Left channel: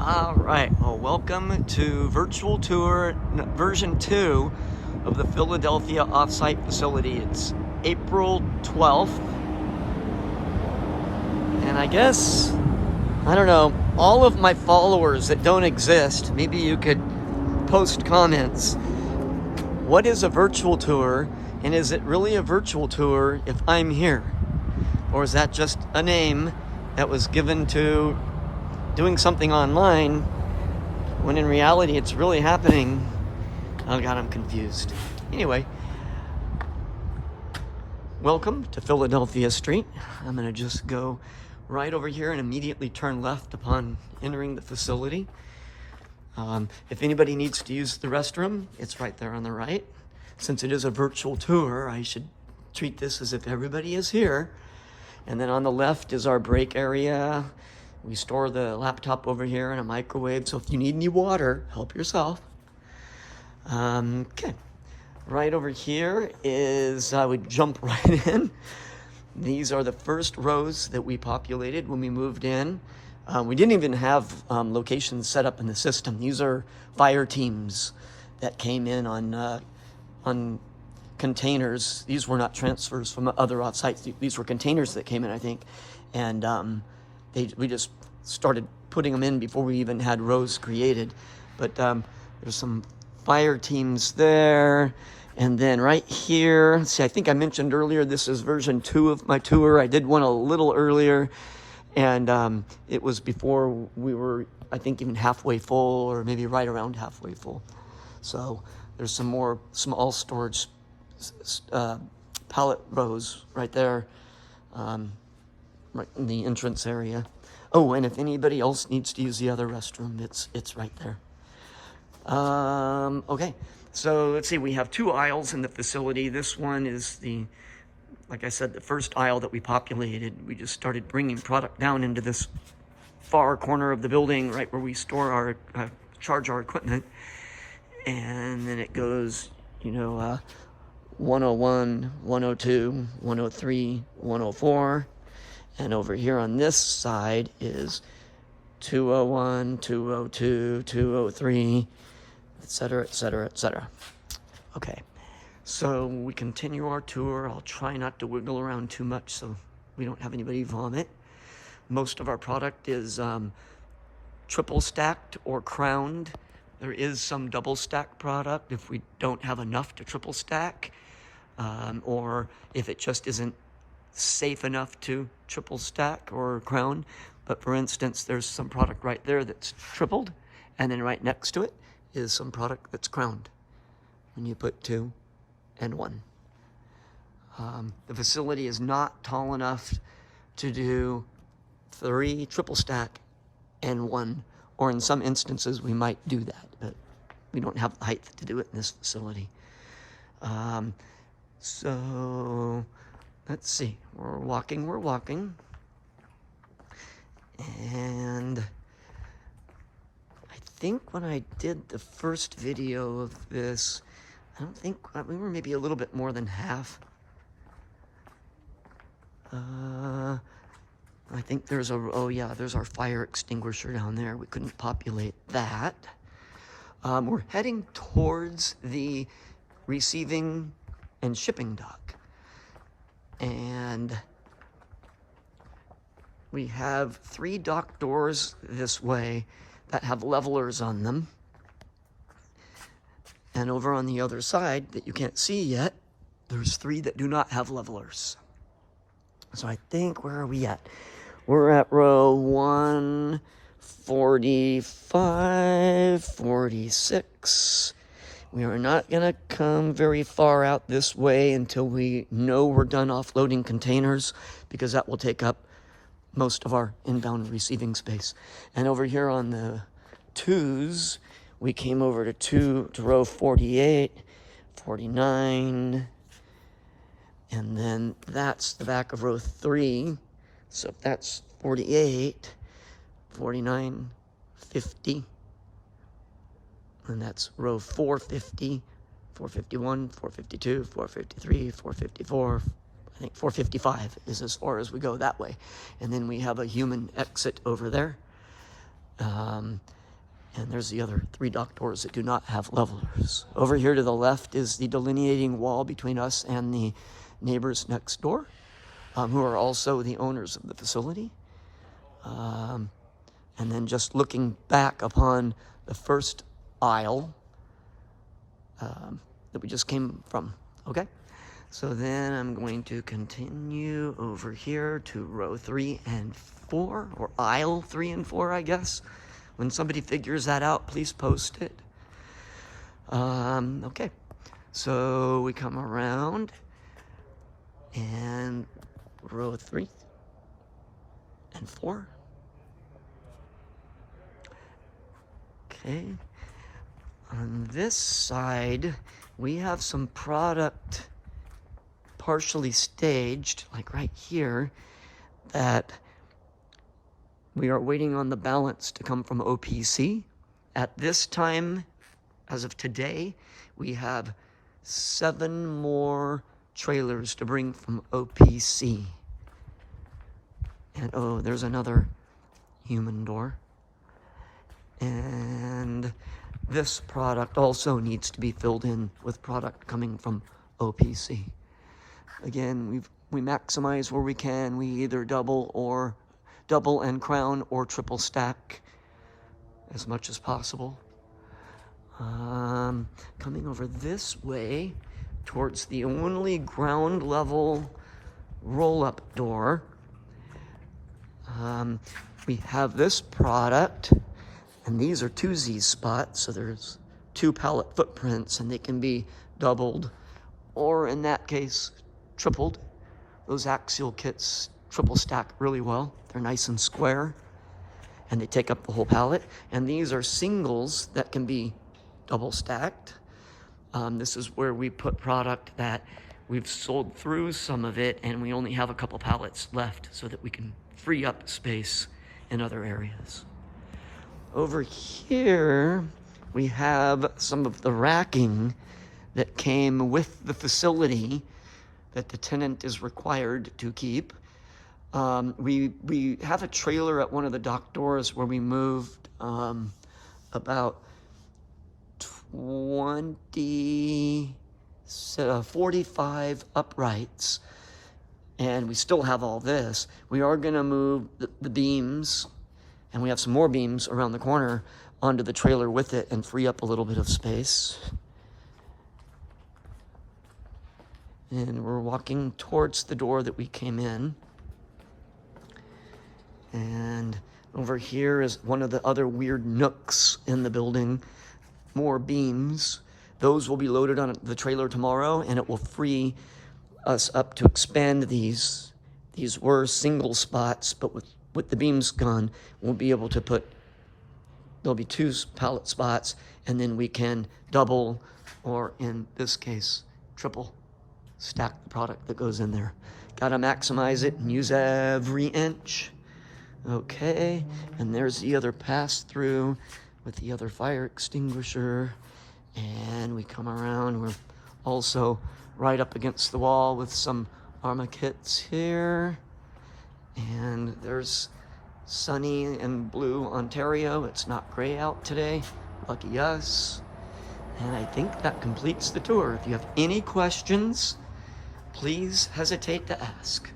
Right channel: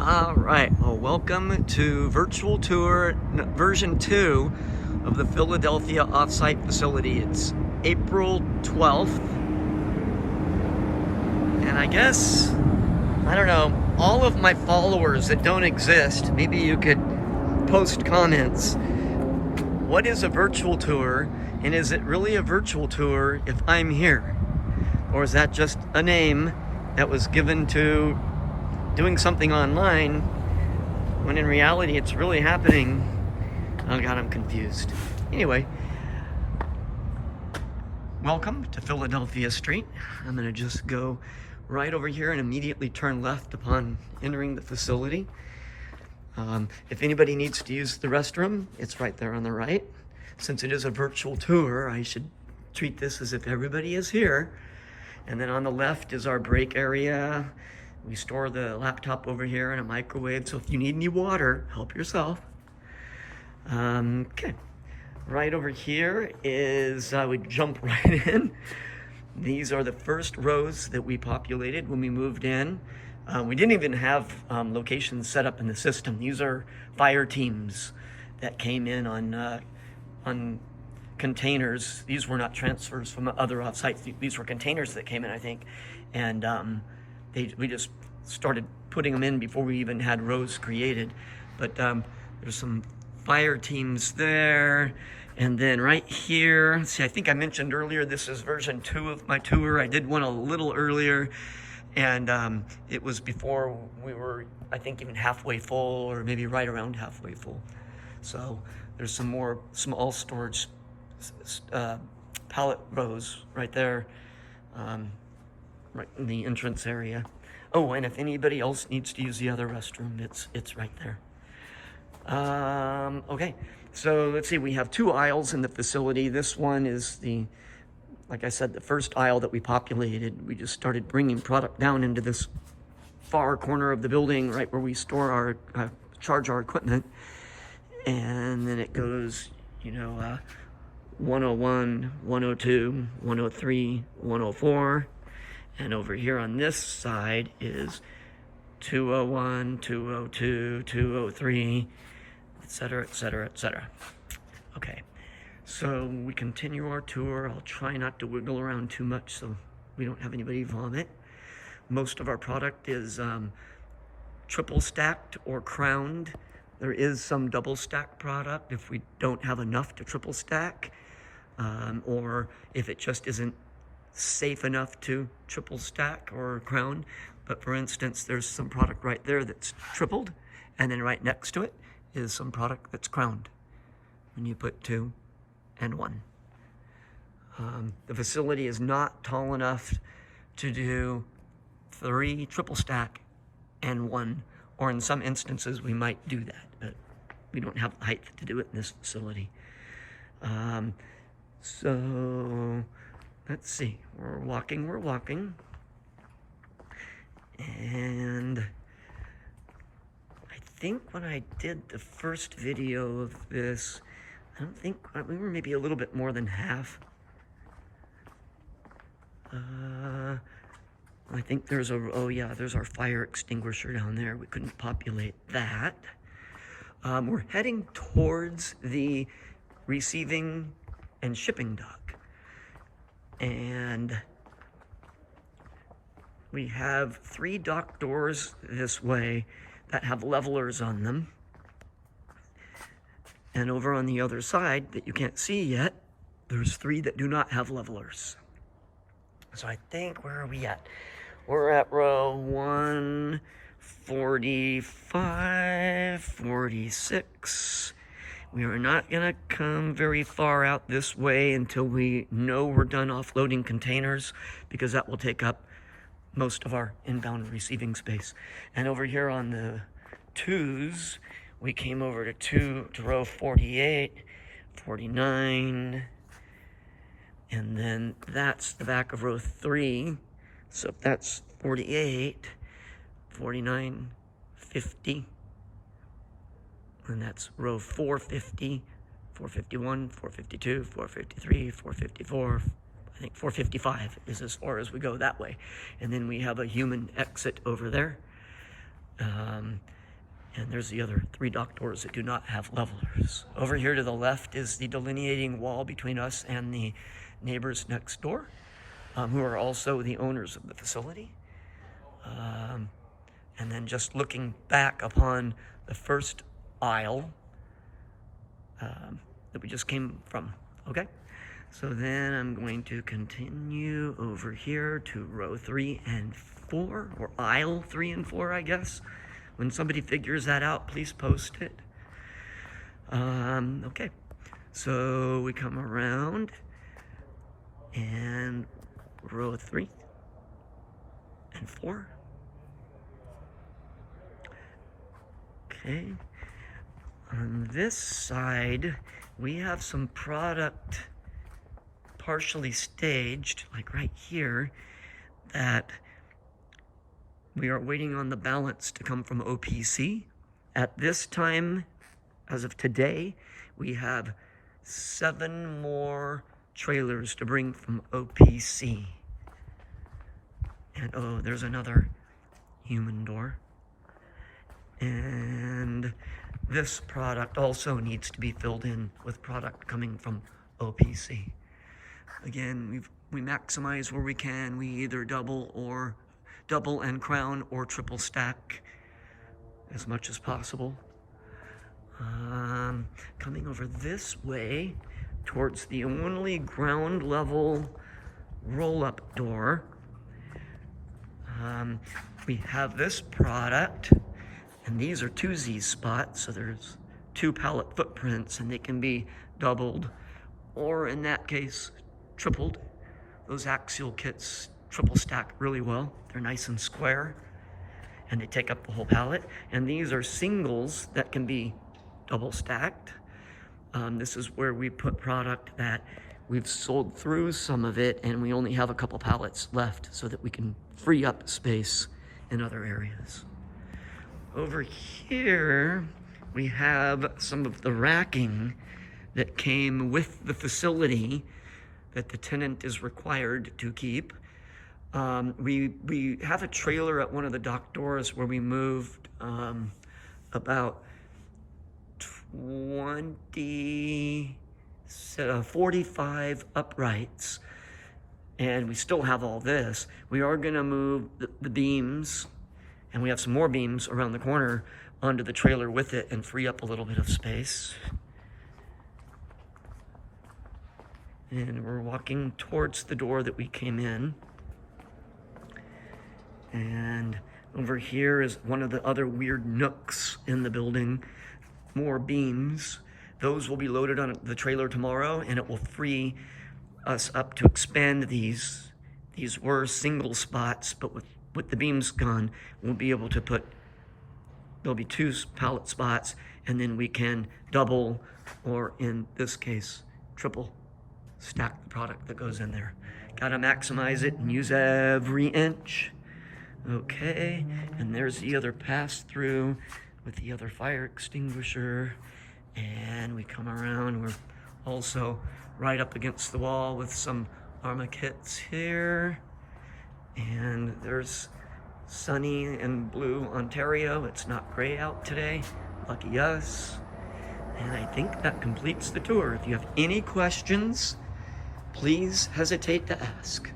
All right, well, welcome to virtual tour version 2 of the Philadelphia offsite facility. It's April 12th, and I guess, I don't know, all of my followers that don't exist, maybe you could post comments. What is a virtual tour, and is it really a virtual tour if I'm here? Or is that just a name that was given to doing something online when in reality it's really happening? Oh God, I'm confused. Anyway, welcome to Philadelphia Street. I'm gonna just go right over here and immediately turn left upon entering the facility. If anybody needs to use the restroom, it's right there on the right. Since it is a virtual tour, I should treat this as if everybody is here. And then on the left is our break area. We store the laptop over here in a microwave, so if you need any water, help yourself. Okay, right over here is, we jump right in. These are the first rows that we populated when we moved in. We didn't even have locations set up in the system. These are fire teams that came in on containers. These were not transfers from other offsites. These were containers that came in, I think. And we just started putting them in before we even had rows created. But there's some fire teams there. And then right here, see, I think I mentioned earlier, this is version 2 of my tour. I did one a little earlier, and it was before we were, I think, even halfway full, or maybe right around halfway full. So there's some more small storage pallet rows right there, right in the entrance area. Oh, and if anybody else needs to use the other restroom, it's right there. Okay, so let's see, we have 2 aisles in the facility. This one is like I said, the first aisle that we populated. We just started bringing product down into this far corner of the building, right where we store our, charge our equipment. And then it goes, 101, 102, 103, 104. And over here on this side is 201, 202, 203, etc., etc., etc. Okay, so we continue our tour. I'll try not to wiggle around too much so we don't have anybody vomit. Most of our product is triple stacked or crowned. There is some double stack product if we don't have enough to triple stack, or if it just isn't safe enough to triple stack or crown. But for instance, there's some product right there that's tripled, and then right next to it is some product that's crowned when you put 2 and 1. The facility is not tall enough to do 3 triple stack and 1, or in some instances we might do that, but we don't have the height to do it in this facility. So let's see, we're walking. And I think when I did the first video of this, I don't think, we were maybe a little bit more than half. I think there's there's our fire extinguisher down there. We couldn't populate that. We're heading towards the receiving and shipping dock. And we have 3 dock doors this way that have levelers on them. And over on the other side that you can't see yet, there's 3 that do not have levelers. So I think, where are we at? We're at row 145, 46. We are not gonna come very far out this way until we know we're done offloading containers, because that will take up most of our inbound receiving space. And over here on the 2s, we came over to row 48, 49, and then that's the back of row 3. So if that's 48, 49, 50, and that's row 450, 451, 452, 453, 454, I think 455 is as far as we go that way. And then we have a human exit over there. And there's the other 3 dock doors that do not have levelers. Over here to the left is the delineating wall between us and the neighbors next door, who are also the owners of the facility. And then just looking back upon the first aisle that we just came from, okay? So then I'm going to continue over here to row 3 and 4, or aisle 3 and 4, I guess. When somebody figures that out, please post it. Okay, so we come around and row 3 and 4. Okay, on this side, we have some product partially staged, like right here, that we are waiting on the balance to come from OPC. At this time, as of today, we have 7 more trailers to bring from OPC. And oh, there's another human door. And this product also needs to be filled in with product coming from OPC. Again, we maximize where we can. We either double and crown or triple stack as much as possible. Coming over this way towards the only ground level roll-up door, we have this product, and these are 2Z spots, so there's 2 pallet footprints, and they can be doubled, or in that case, tripled. Those axial kits triple stack really well. They're nice and square, and they take up the whole pallet. And these are singles that can be double stacked. This is where we put product that we've sold through some of it, and we only have a couple pallets left so that we can free up space in other areas. Over here, we have some of the racking that came with the facility that the tenant is required to keep. We have a trailer at one of the dock doors where we moved about 45 uprights, and we still have all this. We are gonna move the beams, and we have some more beams around the corner onto the trailer with it and free up a little bit of space. And we're walking towards the door that we came in. And over here is one of the other weird nooks in the building. More beams. Those will be loaded on the trailer tomorrow, and it will free us up to expand these. These were single spots, but with the beams gone, we'll be able to put, there'll be 2 pallet spots, and then we can double, or in this case, triple stack the product that goes in there. Gotta maximize it and use every inch. Okay, and there's the other pass-through with the other fire extinguisher. And we come around, we're also right up against the wall with some Arma kits here. And there's sunny and blue Ontario. It's not gray out today, lucky us. And I think that completes the tour. If you have any questions, please hesitate to ask.